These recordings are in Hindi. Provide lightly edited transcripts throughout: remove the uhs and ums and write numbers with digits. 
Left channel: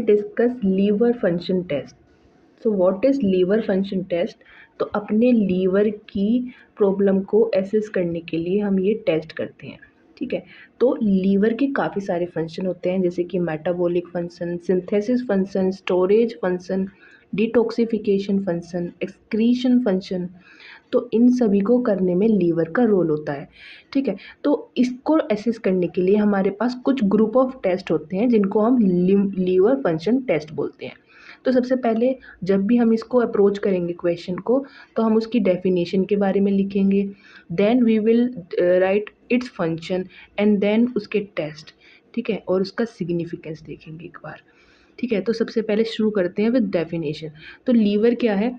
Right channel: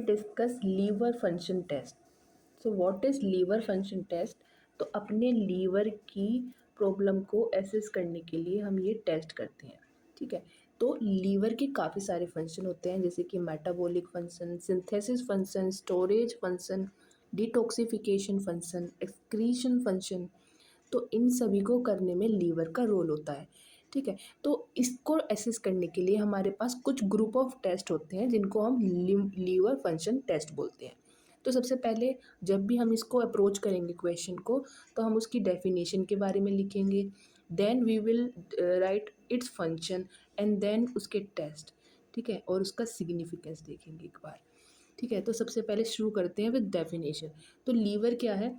Discuss liver function test. So what is liver function test? तो अपने लीवर की प्रॉब्लम को एसेस करने के लिए हम ये टेस्ट करते हैं। ठीक है, तो लीवर के काफ़ी सारे फंक्शन होते हैं, जैसे कि metabolic function, synthesis function, storage function, detoxification function, excretion function. तो इन सभी को करने में लीवर का रोल होता है। ठीक है, तो इसको एसेस करने के लिए हमारे पास कुछ ग्रुप ऑफ टेस्ट होते हैं जिनको हम लीवर फंक्शन टेस्ट बोलते हैं। तो सबसे पहले जब भी हम इसको अप्रोच करेंगे क्वेश्चन को, तो हम उसकी डेफिनेशन के बारे में लिखेंगे, then we will write its function and then उसके टेस्ट। ठीक है, और उसका सिग्निफिकेंस देखेंगे एक बार। ठीक है, तो सबसे पहले शुरू करते हैं विद डेफिनेशन। तो लीवर क्या है?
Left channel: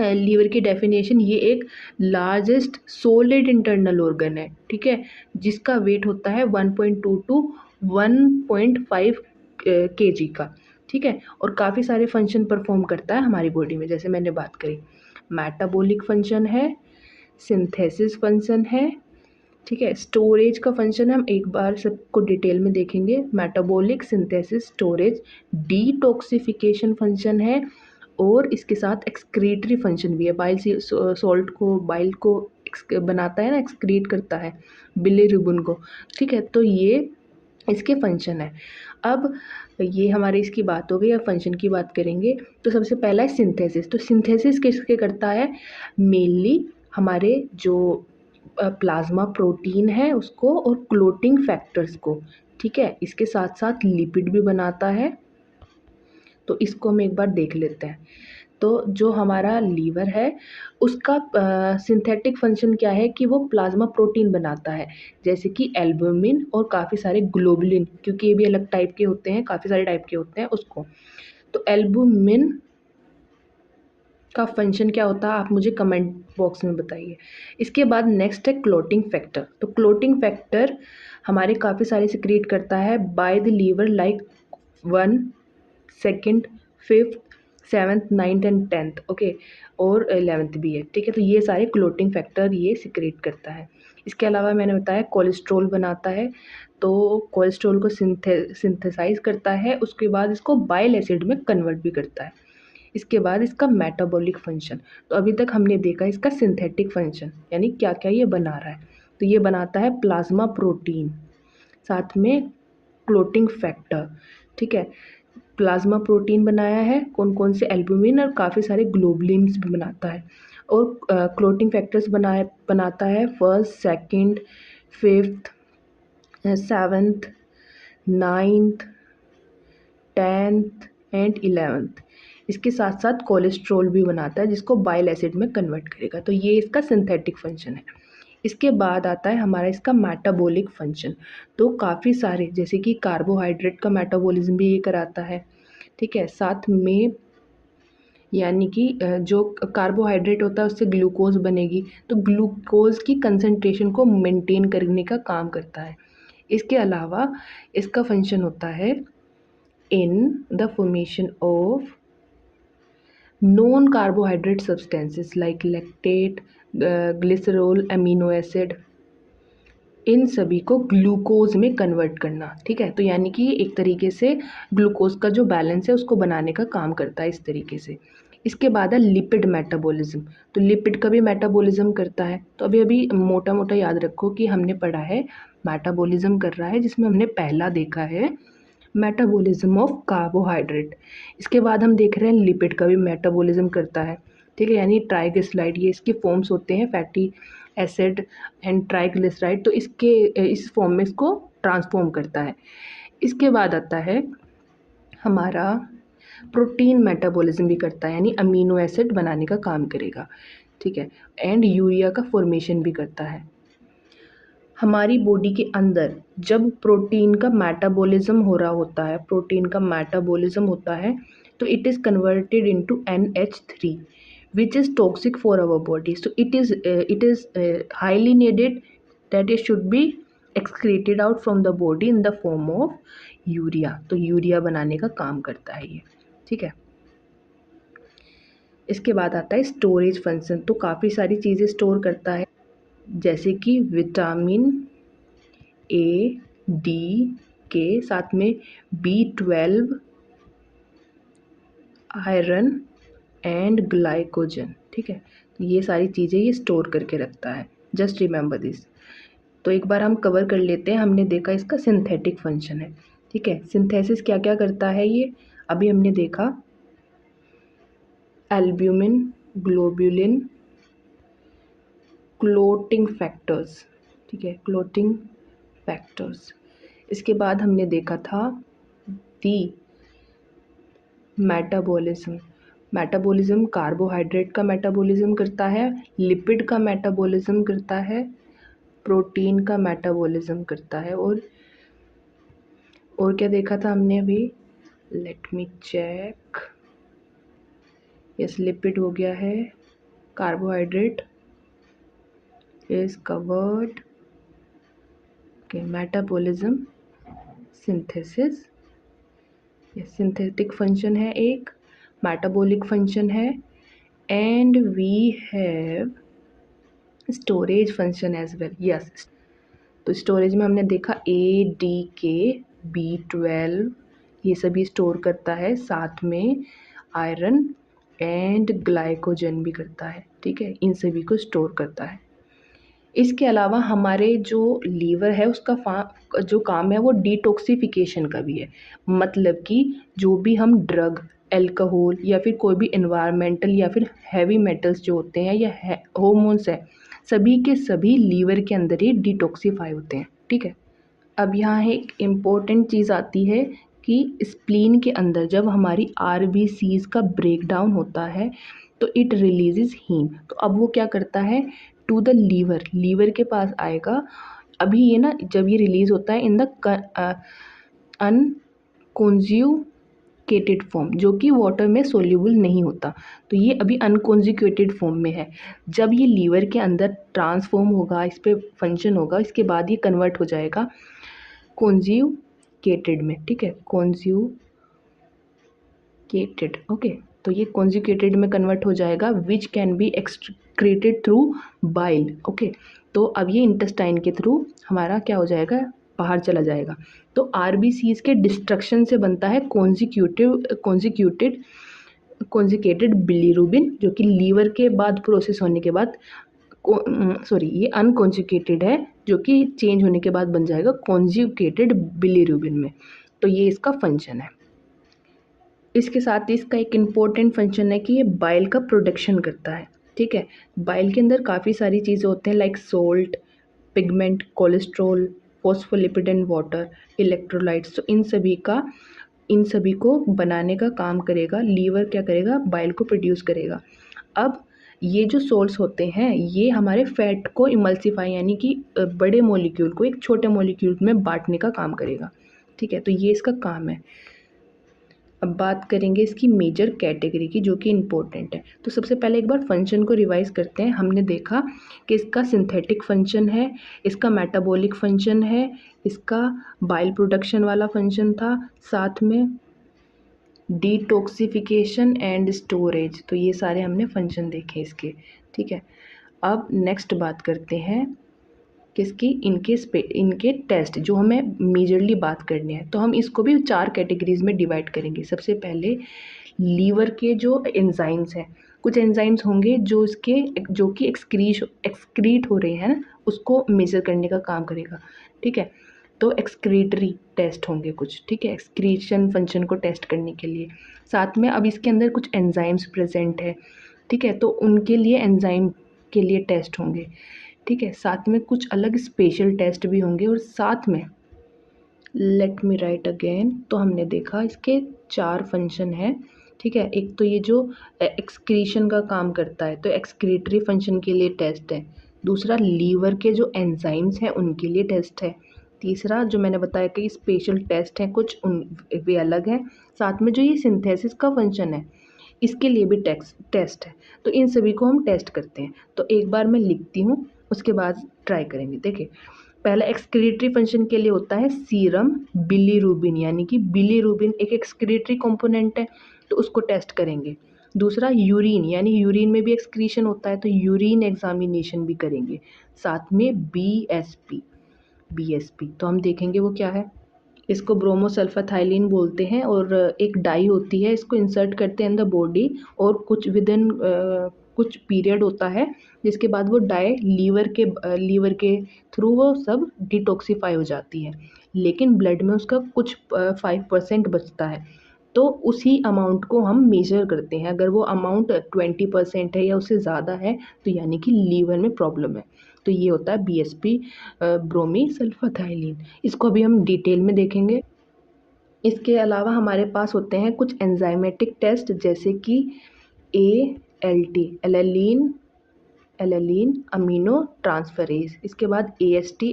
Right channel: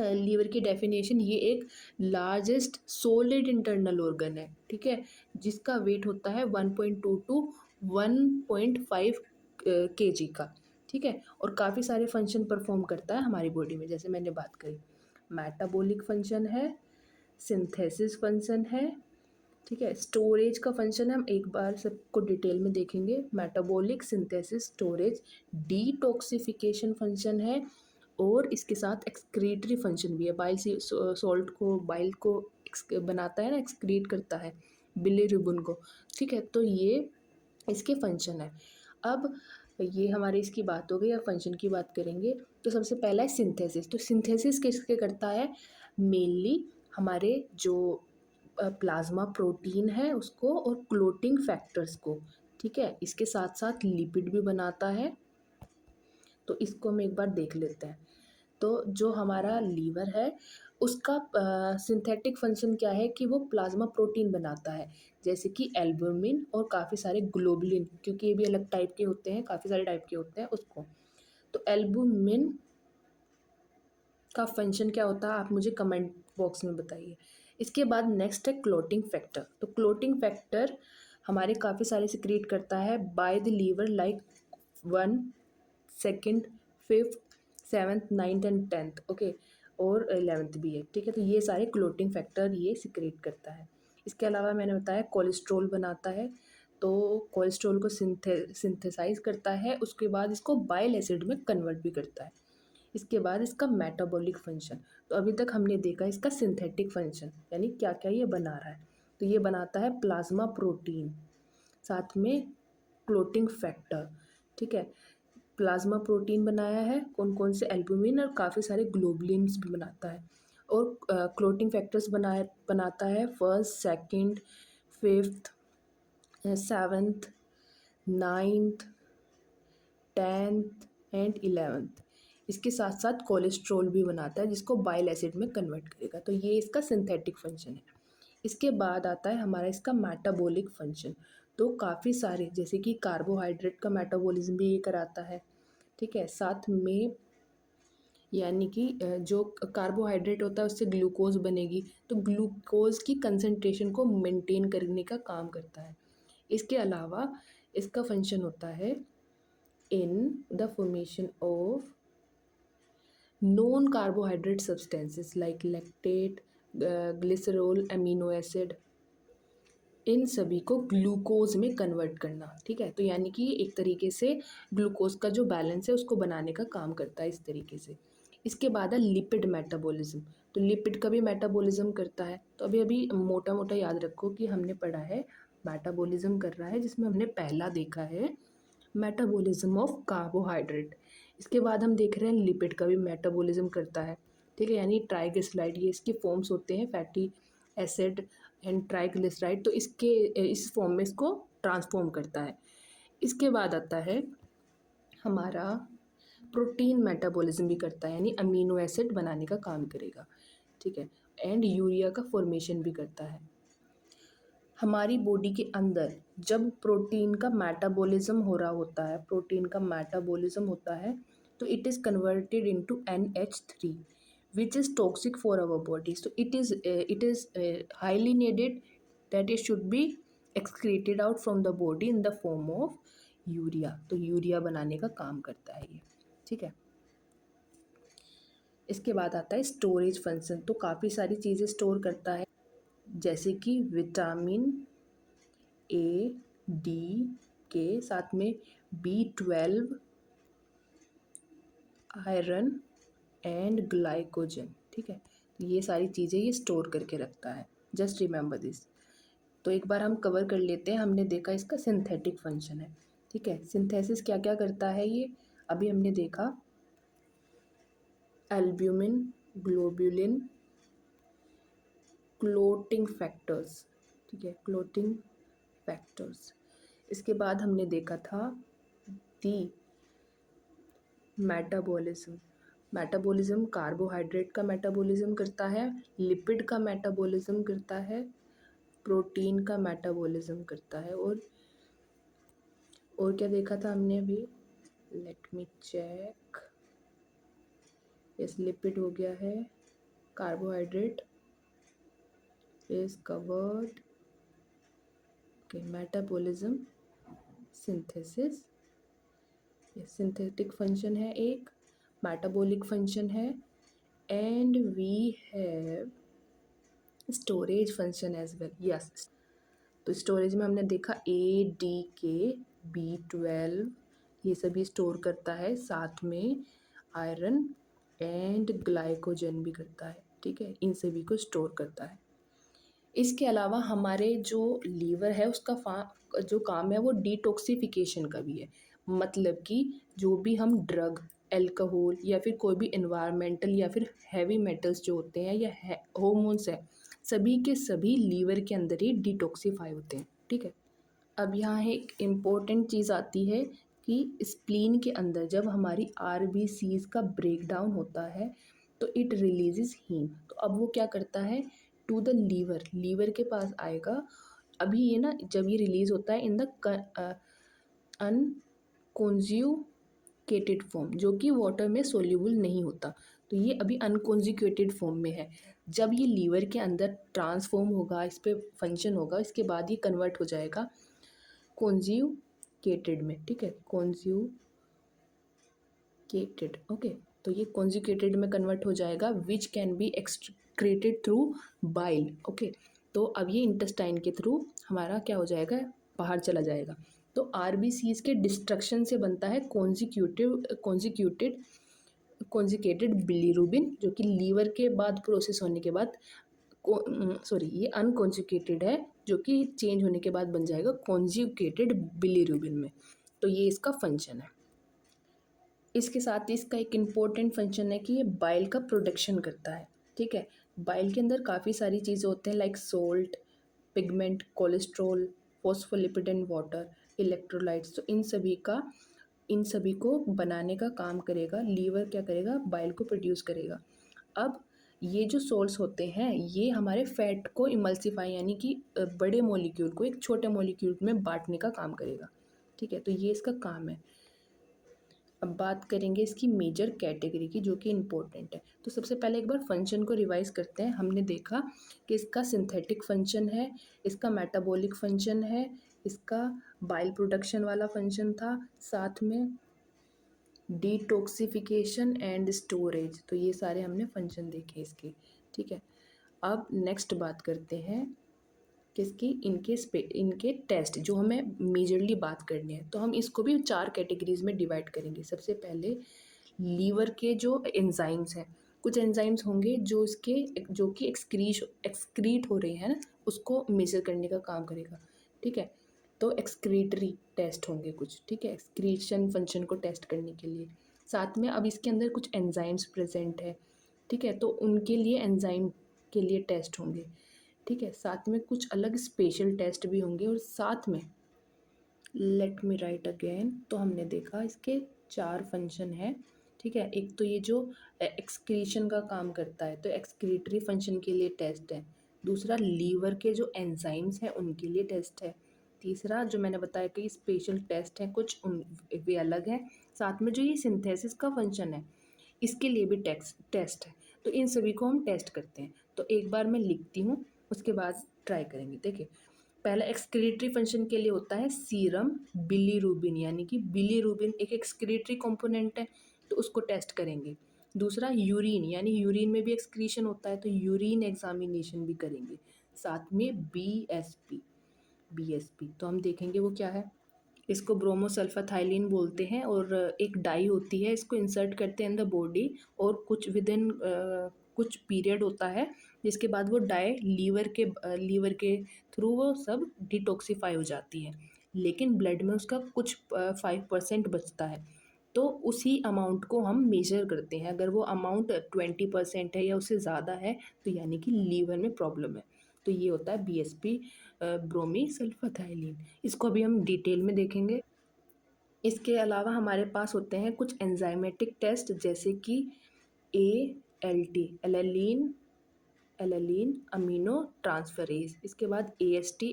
लीवर की डेफिनेशन, ये एक लार्जेस्ट सॉलिड इंटरनल ऑर्गन है। ठीक है, जिसका वेट होता है 1.2 टू 1.5 kg का। ठीक है, और काफ़ी सारे फंक्शन परफॉर्म करता है हमारी बॉडी में, जैसे मैंने बात करी, मेटाबॉलिक फंक्शन है, सिंथेसिस फंक्शन है। ठीक है, स्टोरेज का फंक्शन हम एक बार सबको डिटेल में देखेंगे, metabolic, synthesis, storage. Detoxification function है, और इसके साथ एक्सक्रीटरी फंक्शन भी है। बाइल से सॉल्ट को, बाइल को बनाता है ना, एक्सक्रीट करता है बिलीरुबिन को। ठीक है, तो ये इसके फंक्शन है। अब ये हमारे इसकी बात हो गई, अब फंक्शन की बात करेंगे। तो सबसे पहला है सिंथेसिस। तो सिंथेसिस किसके करता है? मेनली हमारे जो प्लाज्मा प्रोटीन है उसको, और क्लोटिंग फैक्टर्स को। ठीक है, इसके साथ साथ लिपिड भी बनाता है। तो इसको हम एक बार देख लेते हैं। तो जो हमारा लीवर है उसका सिंथेटिक फंक्शन क्या है कि वो प्लाज्मा प्रोटीन बनाता है, जैसे कि एल्बुमिन और काफ़ी सारे ग्लोबुलिन, क्योंकि ये भी अलग टाइप के होते हैं, काफ़ी सारे टाइप के होते हैं उसको। तो एल्बुमिन का फंक्शन क्या होता है, आप मुझे कमेंट बॉक्स में बताइए। इसके बाद नेक्स्ट है क्लोटिंग फैक्टर। तो क्लोटिंग फैक्टर हमारे काफ़ी सारे सिक्रीट करता है by the liver, like 1, 2, 5th, 7th, 9th and 10th। Okay, और 11th भी है। ठीक है, तो ये सारे क्लोटिंग फैक्टर ये सिक्रेट करता है। इसके अलावा मैंने बताया कोलेस्ट्रॉल बनाता है, तो कोलेस्ट्रॉल को सिंथेसाइज करता है, उसके बाद इसको बाइल एसिड में कन्वर्ट भी करता है। इसके बाद इसका मेटाबॉलिक फंक्शन। तो अभी तक हमने देखा इसका सिंथेटिक फंक्शन, यानी क्या क्या ये बना रहा है। तो ये बनाता है प्लाज्मा प्रोटीन, साथ में क्लोटिंग फैक्टर। ठीक है, प्लाज्मा प्रोटीन बनाया है, कौन कौन से, एल्बुमिन और काफ़ी सारे ग्लोबुलिन्स भी बनाता है। और क्लोटिंग फैक्टर्स बनाता है 1st, 2nd, 5th, 7th, 9th, 10th and 11th। इसके साथ साथ कोलेस्ट्रॉल भी बनाता है, जिसको बाइल एसिड में कन्वर्ट करेगा। तो ये इसका सिंथेटिक फंक्शन है। इसके बाद आता है हमारा इसका मेटाबॉलिक फंक्शन। तो काफ़ी सारे, जैसे कि कार्बोहाइड्रेट का मेटाबॉलिज्म भी ये कराता है। ठीक है, साथ में यानी कि जो कार्बोहाइड्रेट होता है उससे ग्लूकोज बनेगी, तो ग्लूकोज की कंसंट्रेशन को मेंटेन करने का काम करता है। इसके अलावा इसका फंक्शन होता है in the formation of non carbohydrate substances like lactate, glycerol, amino acid, इन सभी को ग्लूकोज में कन्वर्ट करना। ठीक है, तो यानी कि एक तरीके से ग्लूकोज का जो बैलेंस है उसको बनाने का काम करता है इस तरीके से। इसके बाद है लिपिड मेटाबॉलिज्म। तो लिपिड का भी मेटाबॉलिज्म करता है। तो अभी अभी मोटा मोटा याद रखो कि हमने पढ़ा है मेटाबॉलिज्म कर रहा है, जिसमें हमने पहला देखा है मेटाबॉलिज्म ऑफ कार्बोहाइड्रेट। इसके बाद हम देख रहे हैं लिपिड का भी मेटाबॉलिज्म करता है। ठीक है, यानी ट्राइग्लिसराइड, ये इसके फॉर्म्स होते हैं, फैटी एसिड एंड ट्राइग्लिसराइड। तो इसके इस फॉर्म में इसको ट्रांसफॉर्म करता है। इसके बाद आता है हमारा प्रोटीन मेटाबॉलिज्म भी करता है, यानी अमीनो एसिड बनाने का काम करेगा। ठीक है, एंड यूरिया का फॉर्मेशन भी करता है। हमारी बॉडी के अंदर जब प्रोटीन का मेटाबॉलिज्म हो रहा होता है, प्रोटीन का मेटाबॉलिज्म होता है, तो it is converted into NH3, which is toxic for our body. So it is highly needed that it should be excreted out from the body in the form of urea. तो यूरिया बनाने का काम करता है ये। ठीक है, इसके बाद आता है स्टोरेज फंक्शन। तो काफ़ी सारी चीज़ें स्टोर करता है, जैसे कि विटामिन A, D, K, साथ में B12, आयरन एंड ग्लाइकोजन, ठीक है। तो ये सारी चीज़ें ये स्टोर करके रखता है, जस्ट रिमेंबर दिस। तो एक बार हम कवर कर लेते हैं। हमने देखा इसका सिंथेटिक फंक्शन है, ठीक है। सिंथेसिस क्या क्या करता है ये अभी हमने देखा। एल्ब्यूमिन, ग्लोब्यूलिन, क्लोटिंग फैक्टर्स, ठीक है, क्लोटिंग फैक्टर्स। इसके बाद हमने देखा था दी मेटाबॉलिज्म। मेटाबॉलिज्म कार्बोहाइड्रेट का मेटाबॉलिज्म करता है, लिपिड का मेटाबॉलिज्म करता है, प्रोटीन का मेटाबॉलिज्म करता है। और क्या देखा था हमने अभी, let me check. Yes, lipid हो गया है, carbohydrate is covered, okay. Metabolism, synthesis, ये सिंथेटिक फंक्शन है एक, मेटाबॉलिक फंक्शन है, and we have storage function as well. Yes, तो स्टोरेज में हमने देखा ADK, B12 ये सभी स्टोर करता है, साथ में आयरन एंड ग्लाइकोजन भी करता है, ठीक है। इन सभी को स्टोर करता है। इसके अलावा हमारे जो लीवर है उसका जो काम है वो डिटॉक्सिफिकेशन का भी है। मतलब कि जो भी हम ड्रग, अल्कोहल या फिर कोई भी एनवायरमेंटल या फिर हैवी मेटल्स जो होते हैं या हार्मोन्स है, सभी के सभी लीवर के अंदर ही डिटॉक्सिफाई होते हैं, ठीक है। अब यहाँ एक इम्पोर्टेंट चीज़ आती है कि स्प्लीन के अंदर जब हमारी RBCs का ब्रेकडाउन होता है तो इट रिलीजेस हीम। तो अब वो क्या करता है, टू द लीवर के पास आएगा। अभी ये ना जब ये रिलीज़ होता है इन द अनकॉन्ज्यूकेटेड फॉर्म, जो कि वाटर में सोल्यूबल नहीं होता। तो ये अभी अनकॉन्जुकेटेड फॉर्म में है। जब ये लीवर के अंदर ट्रांसफॉर्म होगा, इस पर फंक्शन होगा, इसके बाद ये कन्वर्ट हो जाएगा कॉन्ज्यूकेटेड में, ठीक है, कॉन्ज्यूकेटेड, ओके। तो ये कॉन्जुकेटेड में कन्वर्ट हो जाएगा, which can be excreted through bile, okay. तो अब ये इंटेस्टाइन के थ्रू हमारा क्या हो जाएगा, बाहर चला जाएगा। तो RBCs के डिस्ट्रक्शन से बनता है कॉन्जुकेटेड बिलीरुबिन, जो कि लीवर के बाद प्रोसेस होने के बाद ये अनकॉन्जुकेटेड है, जो कि चेंज होने के बाद बन जाएगा कॉन्जुकेटेड बिलीरुबिन में। तो ये इसका फंक्शन है। इसके साथ ही इसका एक इम्पॉर्टेंट फंक्शन है कि ये बाइल का प्रोडक्शन करता है, ठीक है। बाइल के अंदर काफ़ी सारी चीज़ें होते हैं, like salt, pigment, cholesterol, phospholipid and water, electrolytes. तो इन सभी को बनाने का काम करेगा लीवर। क्या करेगा, बाइल को प्रोड्यूस करेगा। अब ये जो सोल्ट्स होते हैं ये हमारे फैट को इमल्सिफाई यानी कि बड़े मॉलिक्यूल को एक छोटे मॉलिक्यूल में बांटने का काम करेगा, ठीक है। तो ये इसका काम है। अब बात करेंगे इसकी मेजर कैटेगरी की, जो कि इम्पोर्टेंट है। तो सबसे पहले एक बार फंक्शन को रिवाइज करते हैं। हमने देखा कि इसका सिंथेटिक फंक्शन है, इसका मेटाबॉलिक फंक्शन है, इसका बाइल प्रोडक्शन वाला फंक्शन था, साथ में डिटॉक्सिफिकेशन एंड स्टोरेज। तो ये सारे हमने फंक्शन देखे इसके, ठीक है। अब नेक्स्ट बात करते हैं किसकी, इनके टेस्ट जो हमें मेजरली बात करनी है। तो हम इसको भी 4 कैटेगरीज में डिवाइड करेंगे। सबसे पहले लीवर के जो एंजाइम्स हैं, कुछ एंजाइम्स होंगे जो कि एक्सक्रीट हो रहे हैं ना, उसको मेजर करने का काम करेगा, ठीक है। तो एक्सक्रीटरी टेस्ट होंगे कुछ, ठीक है, एक्सक्रीशन फंक्शन को टेस्ट करने के लिए। साथ में अब इसके अंदर कुछ एंजाइम्स प्रेजेंट है, ठीक है, तो उनके लिए एंजाइम के लिए टेस्ट होंगे, ठीक है। साथ में कुछ अलग स्पेशल टेस्ट भी होंगे। और साथ में लेट मी राइट अगेन, तो हमने देखा इसके 4 फंक्शन हैं, ठीक है। एक तो ये जो एक्सक्रीशन का काम करता है, तो एक्सक्रीटरी फंक्शन के लिए टेस्ट है। दूसरा लीवर के जो एंजाइम्स हैं उनके लिए टेस्ट है। तीसरा जो मैंने बताया कि स्पेशल टेस्ट हैं कुछ, उन वे अलग हैं। साथ में जो ये सिंथेसिस का फंक्शन है इसके लिए भी टेस्ट है। तो इन सभी को हम टेस्ट करते हैं। तो एक बार मैं लिखती हूँ, उसके बाद ट्राई करेंगे। देखिए, पहला एक्सक्रीटरी फंक्शन के लिए होता है सीरम बिलीरुबिन, यानी कि बिलीरुबिन एक एक्सक्रीटरी कंपोनेंट है, तो उसको टेस्ट करेंगे। दूसरा यूरिन, यानी यूरिन में भी एक्सक्रीशन होता है, तो यूरिन एग्जामिनेशन भी करेंगे। साथ में बीएसपी, तो हम देखेंगे वो क्या है। इसको ब्रोमोसल्फाथाइलिन बोलते हैं और एक डाई होती है, इसको इंसर्ट करते हैं इन द बॉडी और कुछ विदिन कुछ पीरियड होता है जिसके बाद वो डाई लीवर के थ्रू वो सब डिटॉक्सिफाई हो जाती है, लेकिन ब्लड में उसका कुछ 5% बचता है। तो उसी अमाउंट को हम मेजर करते हैं, अगर वो अमाउंट 20% है या उससे ज़्यादा है तो यानी कि लीवर में प्रॉब्लम है। तो ये होता है BSP ब्रोमी सल्फाथाइलिन। इसको अभी हम डिटेल में देखेंगे। इसके अलावा हमारे पास होते हैं कुछ एंजाइमेटिक टेस्ट जैसे कि ALT एलालीन अमीनो ट्रांसफरेज, इसके बाद AST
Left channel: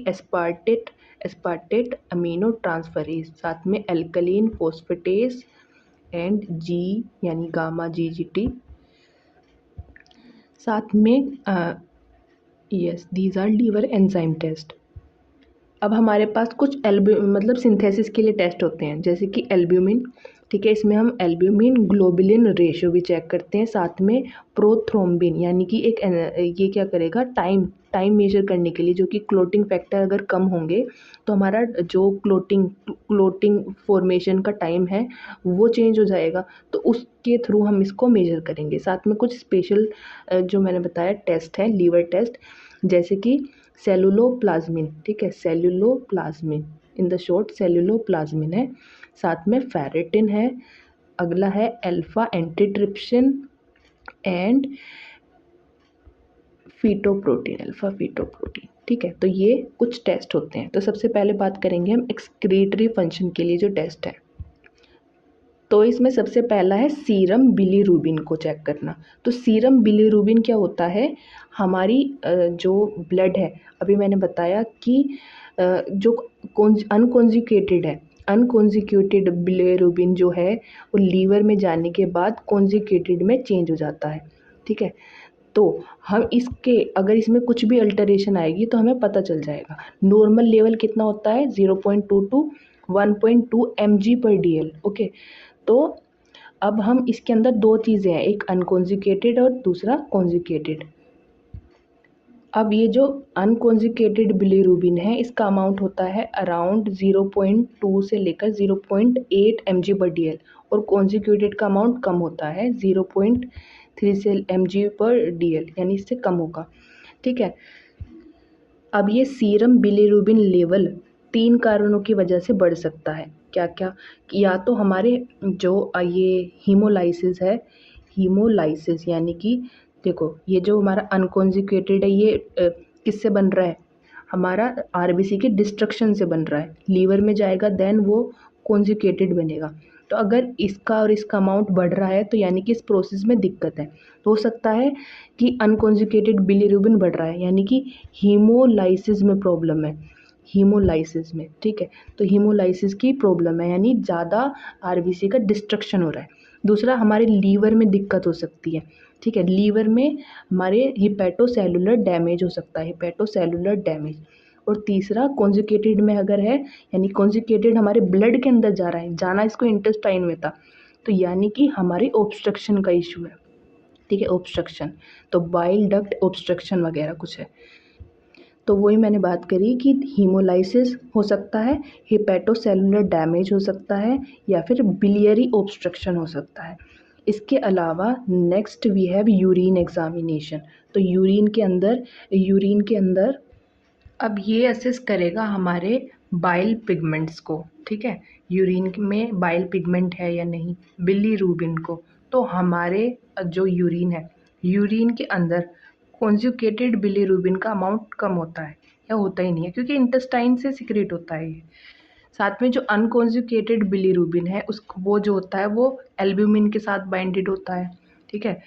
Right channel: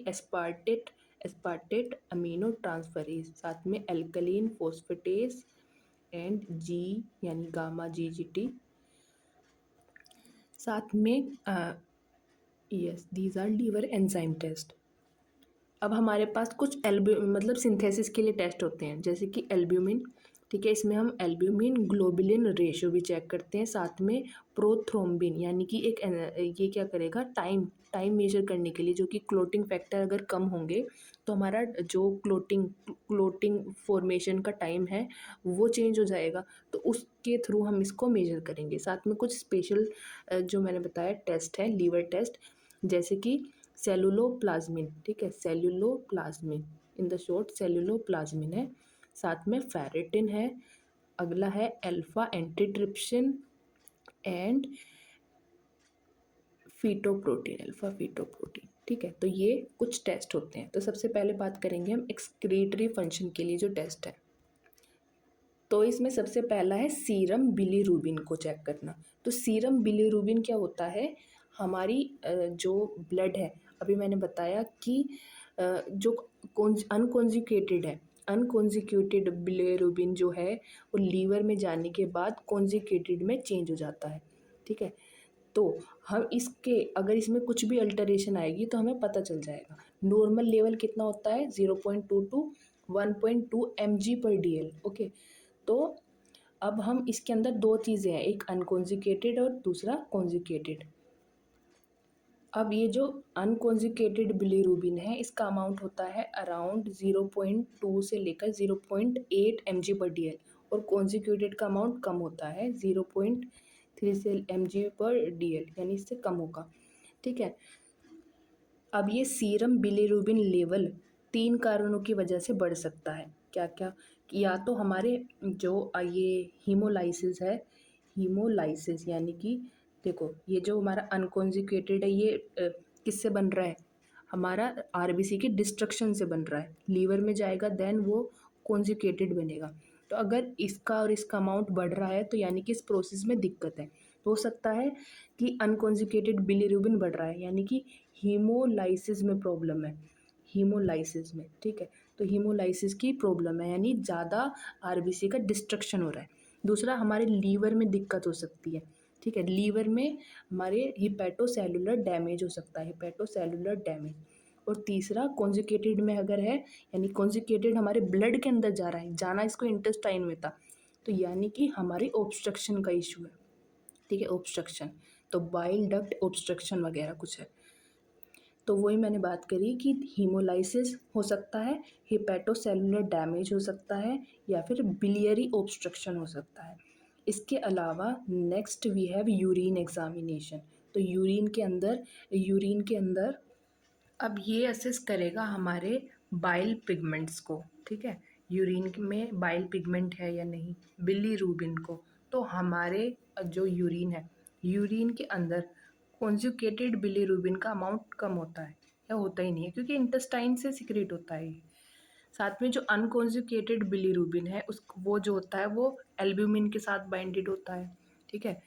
एस्पार्टेट अमीनो ट्रांसफरेज, साथ में एल्कलीन फोस्फेटेस एंड G यानी गामा GGT, साथ में yes these are liver enzyme test. अब हमारे पास कुछ मतलब सिंथेसिस के लिए टेस्ट होते हैं जैसे कि एल्ब्यूमिन, ठीक है, इसमें हम एल्ब्यूमिन ग्लोबुलिन रेशियो भी चेक करते हैं, साथ में प्रोथ्रोम्बिन यानी कि ये क्या करेगा, टाइम मेजर करने के लिए, जो कि क्लोटिंग फैक्टर अगर कम होंगे तो हमारा जो क्लोटिंग फॉर्मेशन का टाइम है वो चेंज हो जाएगा, तो उसके थ्रू हम इसको मेजर करेंगे। साथ में कुछ स्पेशल जो मैंने बताया टेस्ट है लीवर टेस्ट जैसे कि सेलुलोप्लाज्मिन, ठीक है, सेलुलोप्लाज्मिन इन द शॉर्ट सेलुलोप्लाज्मिन है, साथ में फेरेटिन है, अगला है alpha antitrypsin and alpha fetoprotein, ठीक है। तो ये कुछ टेस्ट होते हैं। तो सबसे पहले बात करेंगे हम एक्सक्रीटरी फंक्शन के लिए जो टेस्ट है। तो इसमें सबसे पहला है सीरम बिलीरुबिन को चेक करना। तो सीरम बिलीरुबिन क्या होता है, हमारी जो ब्लड है, अभी मैंने बताया कि जो अनकॉन्जुगेटेड है, अनकॉन्जुगेटेड बिलीरुबिन जो है वो लीवर में जाने के बाद कॉन्जुगेटेड में चेंज हो जाता है, ठीक है। तो हम इसके अगर इसमें कुछ भी अल्टरेशन आएगी तो हमें पता चल जाएगा। नॉर्मल लेवल कितना होता है 0.2 टू 1.2 mg/dl, ओके। तो अब हम इसके अंदर दो चीज़ें हैं, एक अनकॉन्जुगेटेड और दूसरा कॉन्जुगेटेड। अब ये जो अनकॉन्जुगेटेड बिलीरुबिन है इसका अमाउंट होता है अराउंड 0.2 से लेकर 0.8 mg/dl और कॉन्जुगेटेड का अमाउंट कम होता है 0.3 से mg/dl, यानी इससे कम होगा, ठीक है। अब ये सीरम बिलीरुबिन लेवल 3 कारणों की वजह से बढ़ सकता है। क्या क्या, या तो हमारे जो ये हीमोलाइसिस यानी कि देखो ये जो हमारा अनकॉन्जुगेटेड है ये किससे बन रहा है, हमारा आरबीसी के डिस्ट्रक्शन से बन रहा है, लीवर में जाएगा देन वो कॉन्जुगेटेड बनेगा। तो अगर इसका और इसका अमाउंट बढ़ रहा है तो यानी कि इस प्रोसेस में दिक्कत है। तो हो सकता है कि अनकॉन्जुगेटेड बिलीरुबिन बढ़ रहा है यानी कि हीमोलाइसिस में प्रॉब्लम है, हीमोलाइसिस में, ठीक है। तो हीमोलाइसिस की प्रॉब्लम है यानी ज़्यादा आरबीसी का डिस्ट्रक्शन हो रहा है। दूसरा हमारे लीवर में दिक्कत हो सकती है, ठीक है, लीवर में हमारे हिपैटोसेलुलर डैमेज हो सकता है, हिपैटोसेलुलर डैमेज। और तीसरा कॉन्जुगेटेड में अगर है यानी कॉन्जुगेटेड हमारे ब्लड के अंदर जा रहा है, जाना इसको इंटेस्टाइन में था, तो यानी कि हमारी ऑब्स्ट्रक्शन का इशू है, ठीक है, ऑब्स्ट्रक्शन, तो बाइल डक्ट ऑब्स्ट्रक्शन वगैरह कुछ है। तो वही मैंने बात करी कि हीमोलाइसिस हो सकता है, हिपैटोसेलुलर डैमेज हो सकता है या फिर बिलियरी ऑब्स्ट्रक्शन हो सकता है। इसके अलावा next we have urine examination. तो यूरिन के अंदर अब ये असेस करेगा हमारे बाइल पिगमेंट्स को, ठीक है, यूरिन में बाइल पिगमेंट है या नहीं, बिलीरुबिन को। तो हमारे जो यूरिन है, यूरिन के अंदर कॉन्जुगेटेड बिलीरुबिन का अमाउंट कम होता है या होता ही नहीं है क्योंकि इंटेस्टाइन से सिक्रेट होता है ये। साथ में जो अनकॉन्जुगेटेड बिलीरुबिन है उस वो जो होता है वो एल्ब्यूमिन के साथ बाइंडेड होता है, ठीक है,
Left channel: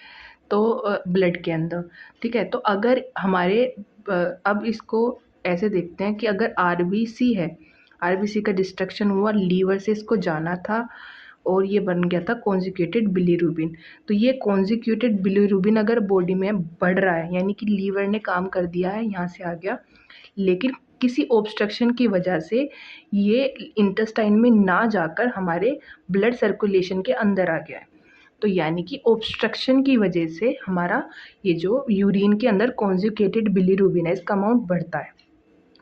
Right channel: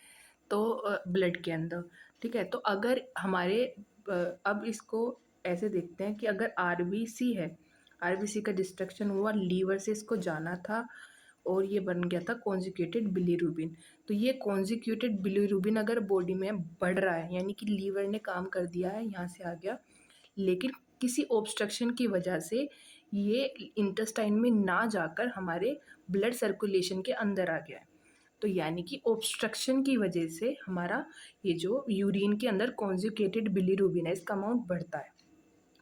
तो ब्लड के अंदर, ठीक है। तो अगर हमारे अब इसको ऐसे देखते हैं कि अगर आरबीसी है, आरबीसी का डिस्ट्रक्शन हुआ, लीवर से इसको जाना था और ये बन गया था कॉन्जुगेटेड बिलीरुबिन। तो ये कॉन्जुगेटेड बिलीरुबिन अगर बॉडी में बढ़ रहा है यानी कि लीवर ने काम कर दिया है, यहाँ से आ गया, लेकिन किसी ऑब्स्ट्रक्शन की वजह से ये इंटेस्टाइन में ना जाकर हमारे ब्लड सर्कुलेशन के अंदर आ गया है। तो यानी कि ऑब्स्ट्रक्शन की वजह से हमारा ये जो यूरिन के अंदर कॉन्जुगेटेड बिलीरुबिन है इसका अमाउंट बढ़ता है,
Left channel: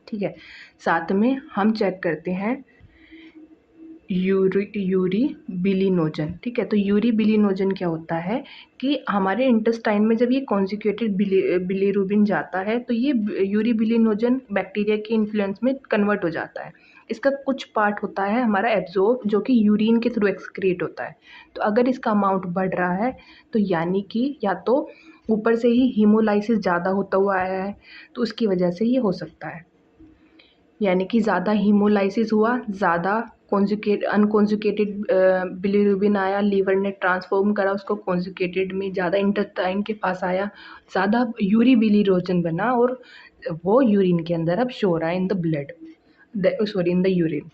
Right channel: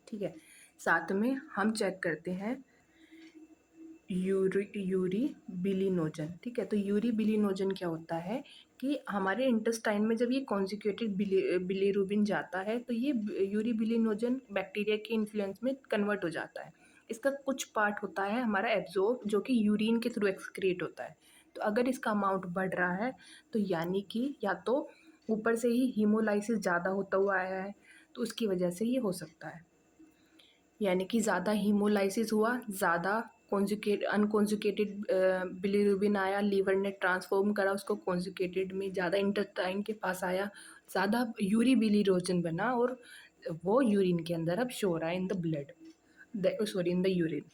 ठीक है। साथ में हम चेक करते हैं यूरी बिलिनोजन। ठीक है, तो यूरी बिलिनोजन क्या होता है कि हमारे इंटेस्टाइन में जब ये कॉन्जुगेटेड बिलीरुबिन जाता है तो ये यूरी बिलिनोजन बैक्टीरिया के इन्फ्लुएंस में कन्वर्ट हो जाता है। इसका कुछ पार्ट होता है हमारा एब्जॉर्ब, जो कि यूरिन के थ्रू एक्सक्रीट होता है। तो अगर इसका अमाउंट बढ़ रहा है तो यानी कि या तो ऊपर से ही हीमोलाइसिस ज़्यादा होता हुआ आया है, तो उसकी वजह से ये हो सकता है। यानी कि ज़्यादा हीमोलाइसिस हुआ, ज़्यादा अनकॉन्जुगेटेड बिलीरुबिन आया, लीवर ने ट्रांसफॉर्म करा उसको कॉन्जुगेटेड में, ज़्यादा इंटेस्टाइन के पास आया, ज़्यादा यूरी बिलिरोजन बना और वो यूरिन के अंदर अब शो रहा है in the blood, sorry in the urine.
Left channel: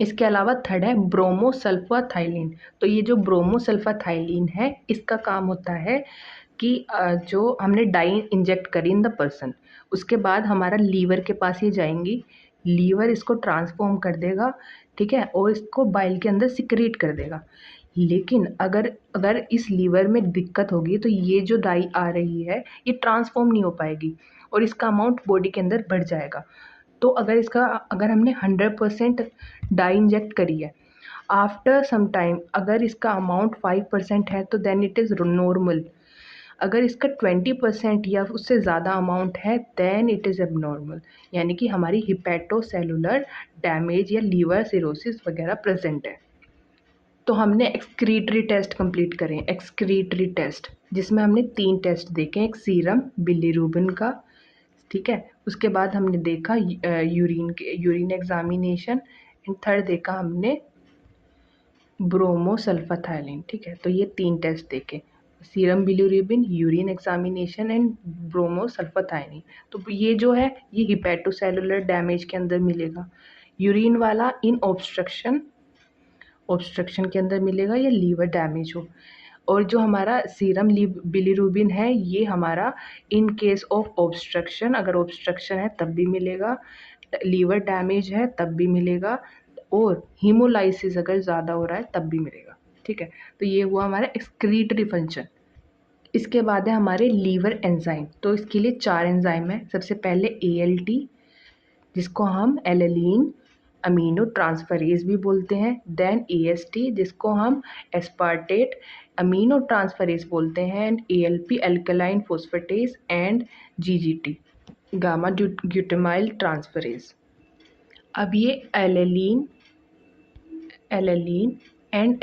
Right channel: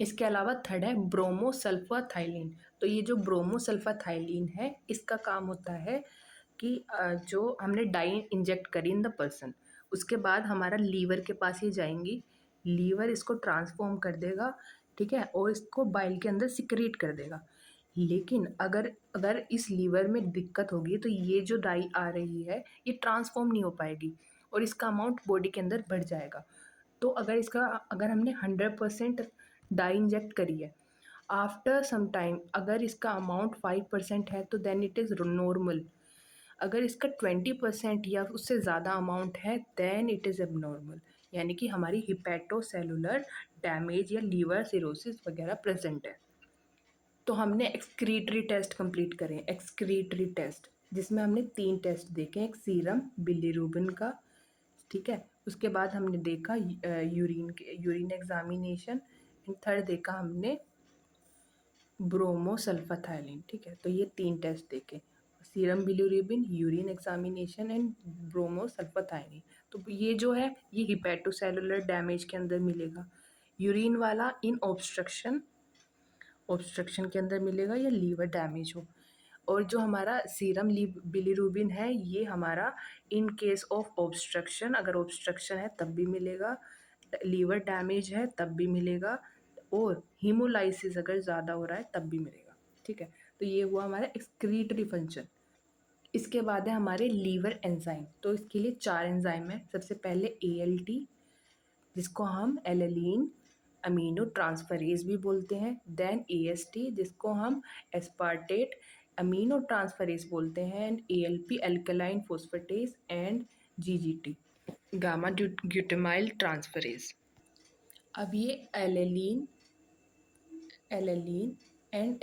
इसके अलावा थर्ड है ब्रोमोसल्फाथाइलिन। तो ये जो ब्रोमोसल्फाथाइलिन है इसका काम होता है कि जो हमने डाई इंजेक्ट करी इन द पर्सन, उसके बाद हमारा लीवर के पास ये जाएंगी, लीवर इसको ट्रांसफॉर्म कर देगा, ठीक है, और इसको बाइल के अंदर सिक्रीट कर देगा। लेकिन अगर अगर इस लीवर में दिक्कत होगी तो ये जो डाई आ रही है ये ट्रांसफॉर्म नहीं हो पाएगी और इसका अमाउंट बॉडी के अंदर बढ़ जाएगा। तो अगर हमने 100% डाई इंजेक्ट करी है, आफ्टर सम टाइम अगर इसका अमाउंट 5% है तो देन इट इज़ नॉर्मल। अगर इसका 20% या उससे ज़्यादा अमाउंट है देन इट इज़ एबनॉर्मल, यानी कि हमारी हिपैटोसेलुलर डैमेज या लीवर सिरोसिस वगैरह प्रेजेंट है। तो हमने एक्सक्रीटरी टेस्ट कंप्लीट करें, एक्सक्रीटरी टेस्ट जिसमें हमने 3 टेस्ट देखे, एक सीरम बिलीरुबिन का, ठीक है, उसके बाद हमने देखा यूरिन एग्जामिनेशन, एंड थर्ड देखा हमने ब्रोमोसल्फाथाइलिन। ठीक है, तो ये 3 टेस्ट देखे, serum bilirubin, urine examination and bromsulphthalein. तो ये जो है ये हिपैटोसेलुलर डैमेज के अंदर मिलेगा, यूरिन वाला इन ऑब्स्ट्रक्शन के अंदर मिलेगा या लीवर डैमेज हो, और जो हमारा सीरम बिलीरुबिन है ये हमारा इन केस ऑफ ऑब्स्ट्रक्शन, अगर ऑब्स्ट्रक्शन है तब भी मिलेगा, लीवर डैमेज है तब भी मिलेगा, और हीमोलाइसिस अगर ज़्यादा हो रहा है तब भी मिलेगा। ठीक है, तो ये हुआ हमारा एक्सक्रीटरी फंक्शन। इसके बाद है हमारे लीवर एंजाइम। तो इसके लिए 4 एंजाइम है। सबसे पहले ALT, जिसको हम एलेलीन अमीनो ट्रांसफरेज भी बोलते हैं, देन AST जिसको हम एस्पार्टेट अमीनो ट्रांसफरेज बोलते हैं, and ALP alkaline फोस्फेटेज, and GGT gamma glutamyl transferase. अब ये alanine and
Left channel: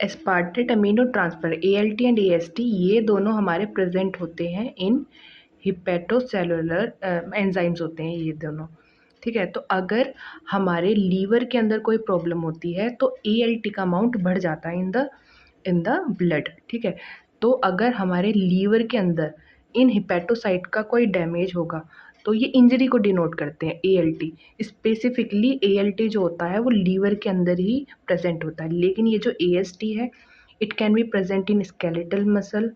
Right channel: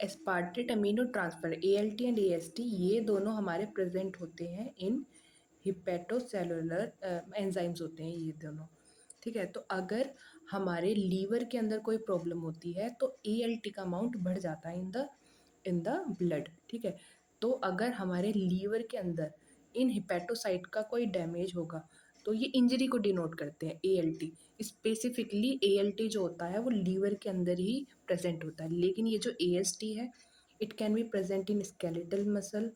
aspartate amino transfer ALT and AST ये दोनों हमारे प्रेजेंट होते हैं इन हिपैटोसेलुलर एंजाइम्स होते हैं ये दोनों। ठीक है, तो अगर हमारे लीवर के अंदर कोई प्रॉब्लम होती है तो ALT का अमाउंट बढ़ जाता है इन द ब्लड। ठीक है, तो अगर हमारे लीवर के अंदर इन हिपैटोसाइट का कोई डैमेज होगा तो ये इंजरी को डिनोट करते हैं ALT। स्पेसिफिकली ALT जो होता है वो लीवर के अंदर ही प्रेजेंट होता है, लेकिन ये जो AST है it can be present in skeletal muscle,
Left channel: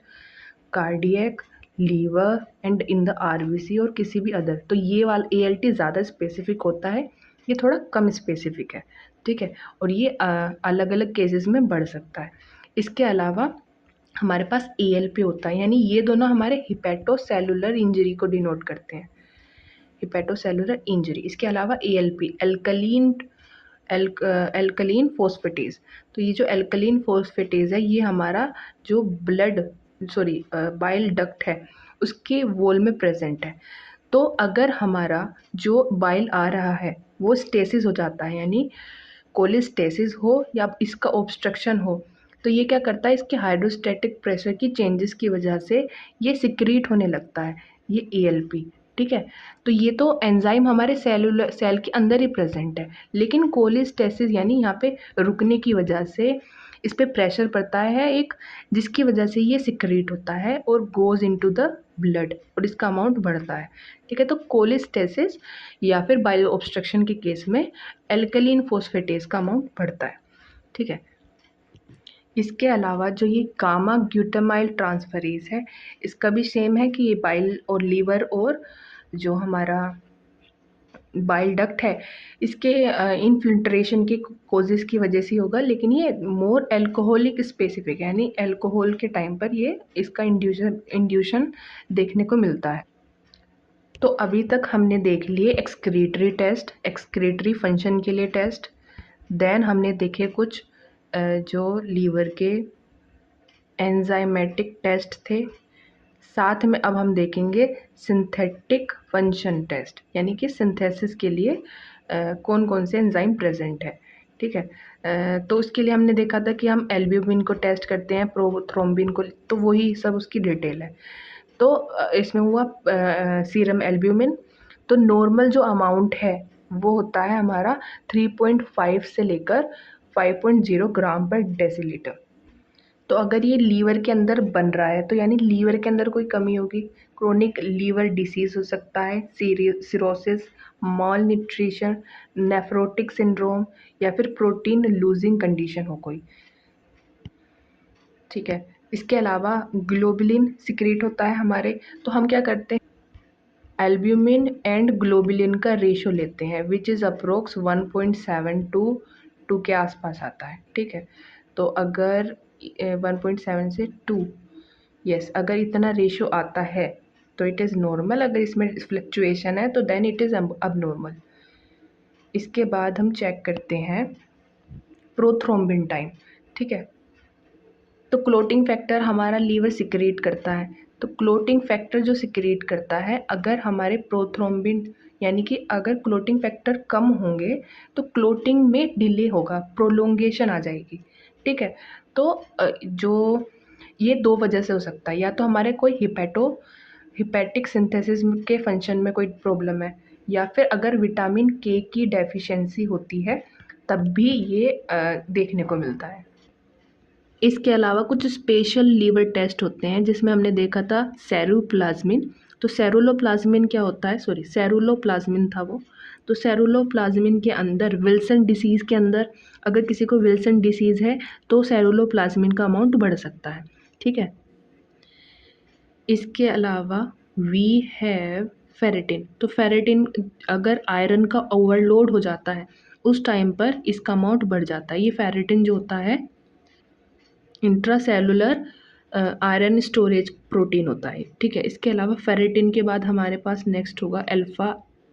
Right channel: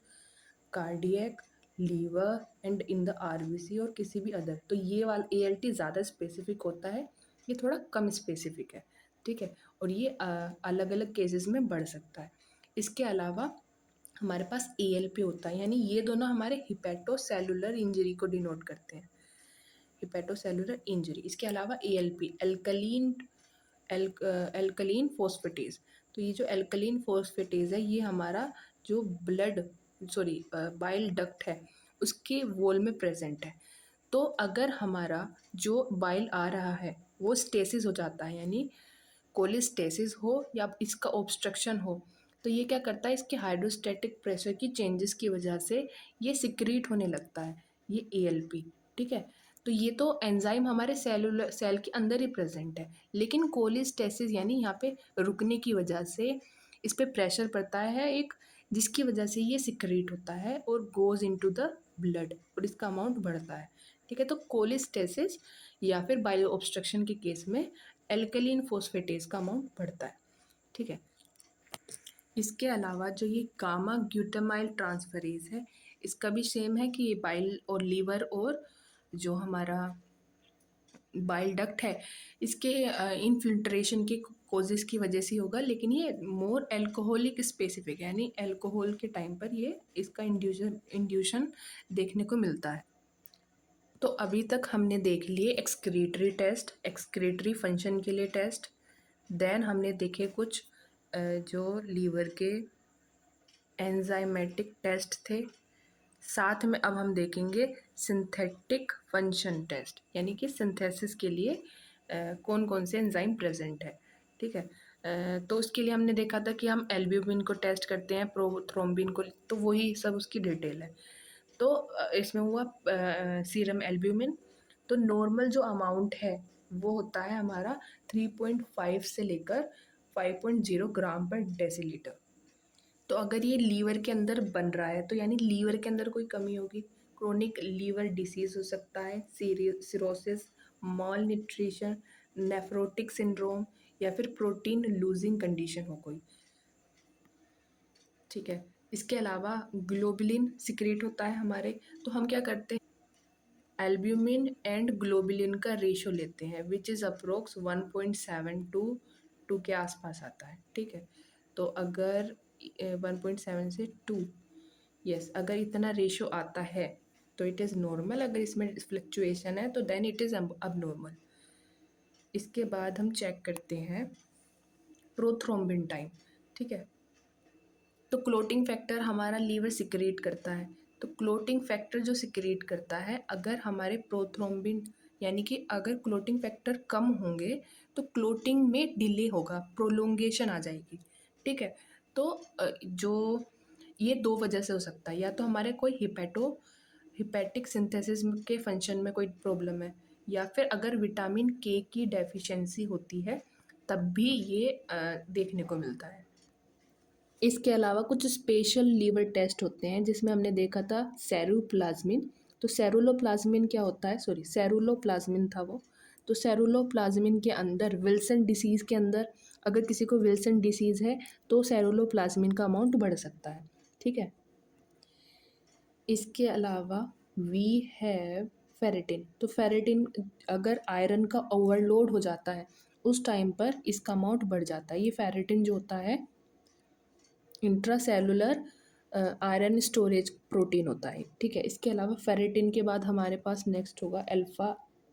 cardiac, liver and in the RBC और किसी भी अदर। तो ये वाला ALT ज़्यादा स्पेसिफिक होता है, ये थोड़ा कम स्पेसिफिक है। ठीक है, और ये अलग अलग केसेस में बढ़ सकता है। इसके अलावा हमारे पास ALP होता है, यानी ये दोनों हमारे हिपैटोसेलुलर इंजरी को डिनोट करते हैं, हिपैटोसेलुलर इंजरी। इसके अलावा ALP एल्कलीन फोस्फेटेज। तो ये जो एल्कलीन फोस्फेटेज है ये हमारा जो बाइल डक्ट है उसके वॉल में प्रेजेंट है। तो अगर हमारा जो बाइल आ रहा है वो स्टेसिस हो जाता है, यानी कोलिस्टेसिस हो या इसका ऑब्स्ट्रक्शन हो, तो ये क्या करता है, इसके हाइड्रोस्टैटिक प्रेशर की चेंजेस की वजह से ये सिक्रीट होने लगता है, ये ALP। ठीक है, तो ये तो एंजाइम हमारे सेल के अंदर ही प्रेजेंट है, लेकिन कोलिस्टेसिस यानी यहाँ पे रुकने की वजह से इस पर प्रेशर पड़ता है एक, जिसकी वजह से ये सिक्रीट होता है और गोज़ इनटू द ब्लड और इसका अमाउंट बढ़ता है। ठीक है, तो कोलिस्टेसिस या फिर बाइल ऑब्स्ट्रक्शन के केस में एल्कलीन फोस्फेटेज का अमाउंट बढ़ता है। ठीक है, इसके अलावा जो ये गामा ग्लूटामाइल ट्रांसफरेज है इसका भी सेम है कि ये बाइल और लीवर और जो हमारा बाइल डक्ट है इसके इनफिल्ट्रेशन की कोजेस की वजह से होगा, लेकिन ये मोर एल्कोहलिक स्पेसिफिक है, यानी एल्कोहल के टाइम पर ये इसका इंड्यूशन देखने को मिलता है। तो अभी तक हमने देख लिए एक्सक्रीटरी टेस्ट, एक्सक्रीटरी फंक्शन के लिए टेस्ट, देन हमने देखे कुछ जो लीवर के एंजाइमेटिक टेस्ट थे। साथ में अब हम देखेंगे सिंथेटिक फंक्शन टेस्ट, यानी कि सिंथेसिस के लिए कौन कौन से एंजाइम प्रेजेंट है। ठीक है, तो उसके लिए हमने देखा था कि हम एल्ब्यूमिन को टेस्ट करते हैं, प्रोथ्रोम्बिन को, तो वही सब उसकी डिटेल है। तो इसमें हुआ सीरम एल्ब्यूमिन। तो नॉर्मल जो अमाउंट है वो होता है हमारा 3.5 से लेकर 5.0 ग्राम पर डेसीलीटर। तो अगर ये लीवर के अंदर बन रहा है तो यानी लीवर के अंदर कोई कमी होगी, क्रोनिक लीवर डिसीज हो सकता है, cirrhosis, mall nutrition, nephrotic syndrome, या फिर प्रोटीन लूजिंग कंडीशन हो कोई। ठीक है, इसके अलावा ग्लोबुलिन सिक्रीट होता है हमारे, तो हम क्या करते हैं, एल्ब्यूमिन एंड ग्लोबुलिन का रेशो लेते हैं विच इज़ अप्रोक्स 1.7 टू 2 के आसपास आता है। ठीक है, तो अगर 1.7 से 2, यस, अगर इतना रेशो आता है तो इट इज़ नॉर्मल, अगर इसमें फ्लक्चुएशन है तो देन इट इज़ अब नॉर्मल। इसके बाद हम चेक करते हैं प्रोथ्रोम्बिन टाइम। ठीक है, तो क्लोटिंग फैक्टर हमारा लीवर सिक्रीट करता है। तो क्लोटिंग फैक्टर जो सिक्रीट करता है, अगर हमारे प्रोथ्रोम्बिन यानी कि अगर क्लोटिंग फैक्टर कम होंगे तो क्लोटिंग में डिले होगा, प्रोलोंगेशन आ जाएगी। ठीक है, तो जो ये दो वजह से हो सकता है, या तो हमारे कोई हिपैटिक सिंथेसिस के फंक्शन में कोई प्रॉब्लम है, या फिर अगर विटामिन के की डेफिशिएंसी होती है तब भी ये देखने को मिलता है। इसके अलावा कुछ स्पेशल लीवर टेस्ट होते हैं जिसमें हमने देखा था सेरोप्लाज्मिन। तो सेरुलोप्लाज्मिन क्या होता है, सॉरी सेरुलोप्लाज्मिन था वो। तो सेरुलोप्लाज्मिन के अंदर विल्सन डिसीज़ के अंदर अगर किसी को विल्सन डिसीज़ है तो सेरुलोप्लाज्मिन का अमाउंट बढ़ सकता है। ठीक है, इसके अलावा वी हैव फेरेटिन। तो फेरेटिन अगर आयरन का ओवरलोड हो जाता है उस टाइम पर इसका अमाउंट बढ़ जाता है। ये फेरेटिन जो होता है इंट्रासेलुलर आयरन स्टोरेज प्रोटीन होता है। ठीक है, इसके अलावा फेरेटिन के बाद हमारे पास नेक्स्ट होगा अल्फ़ा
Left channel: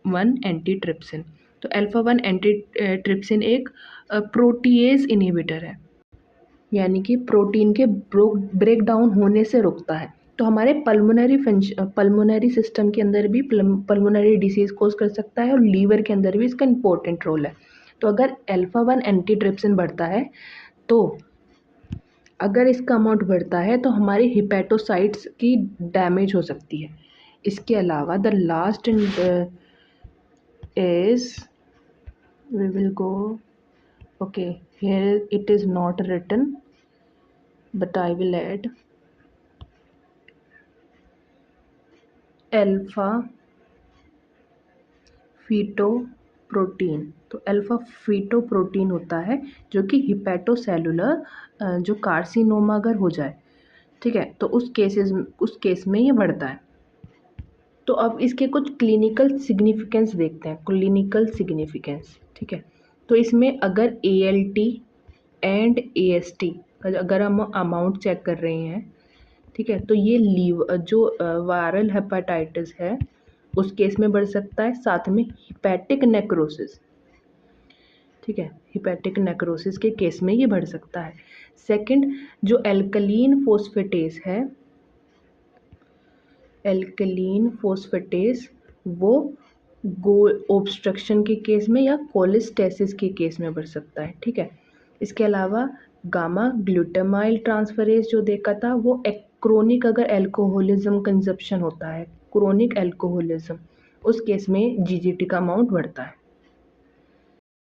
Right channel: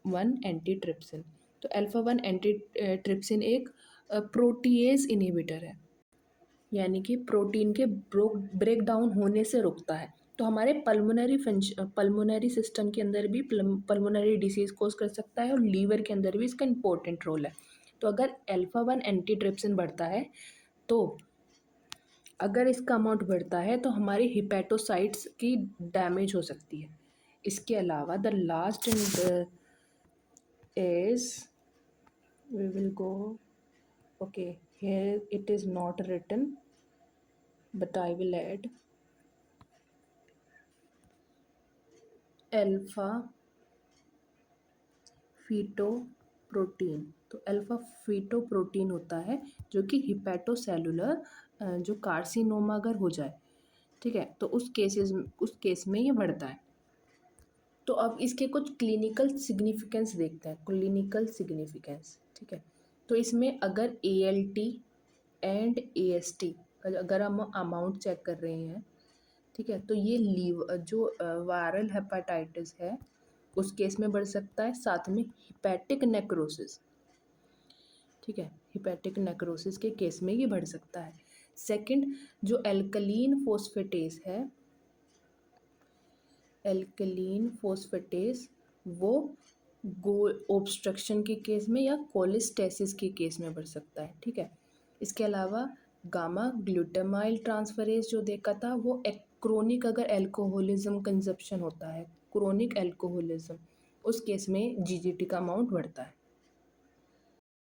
1 एंटीट्रिप्सिन। तो अल्फ़ा 1 एंटीट्रिप्सिन एक प्रोटीएज इनहिबिटर है, यानी कि प्रोटीन के ब्रेक डाउन होने से रोकता है। तो हमारे पल्मोनरी सिस्टम के अंदर भी पल्मोनरी डिसीज़ कोज कर सकता है और लीवर के अंदर भी इसका इंपॉर्टेंट रोल है। तो अगर अल्फ़ा 1 एंटीट्रिप्सिन बढ़ता है तो अगर इसका अमाउंट बढ़ता है तो हमारी हिपैटोसाइट्स की डैमेज हो सकती है। इसके अलावा the last is we will go, okay, here it is not written but I will add alpha feto protein. तो अल्फा फीटो प्रोटीन होता है जो कि हिपैटोसेलुलर जो कार्सिनोमा अगर हो जाए, ठीक है, तो उस केस में ये बढ़ता है। तो अब इसके कुछ क्लिनिकल सिग्निफिकेंस देखते हैं, क्लिनिकल सिग्निफिकेंस। ठीक है, तो इसमें अगर ALT एंड AST अगर हम अमाउंट चेक कर रहे हैं, ठीक है, तो ये जो वायरल हेपाटाइटिस है उस केस में बढ़ सकता है, साथ में हिपैटिक नेक्रोसिस। ठीक है, हिपैटिक नेक्रोसिस के केस में ये बढ़ सकता है। सेकंड, जो एल्कलीन फोस्फेटेस है, एल्कलीन फोस्फेटेस वो ऑब्स्ट्रक्शन के केस में या कोलेस्टेसिस के केस में बढ़ सकता है। ठीक है, इसके अलावा गामा ग्लूटामाइल ट्रांसफरेज जो देखा था वो क्रोनिक अगर एल्कोहलिज्म कंजप्शन होता है, क्रोनिक एल्कोहलिज्म, उस केस में GGT का अमाउंट बढ़ता है।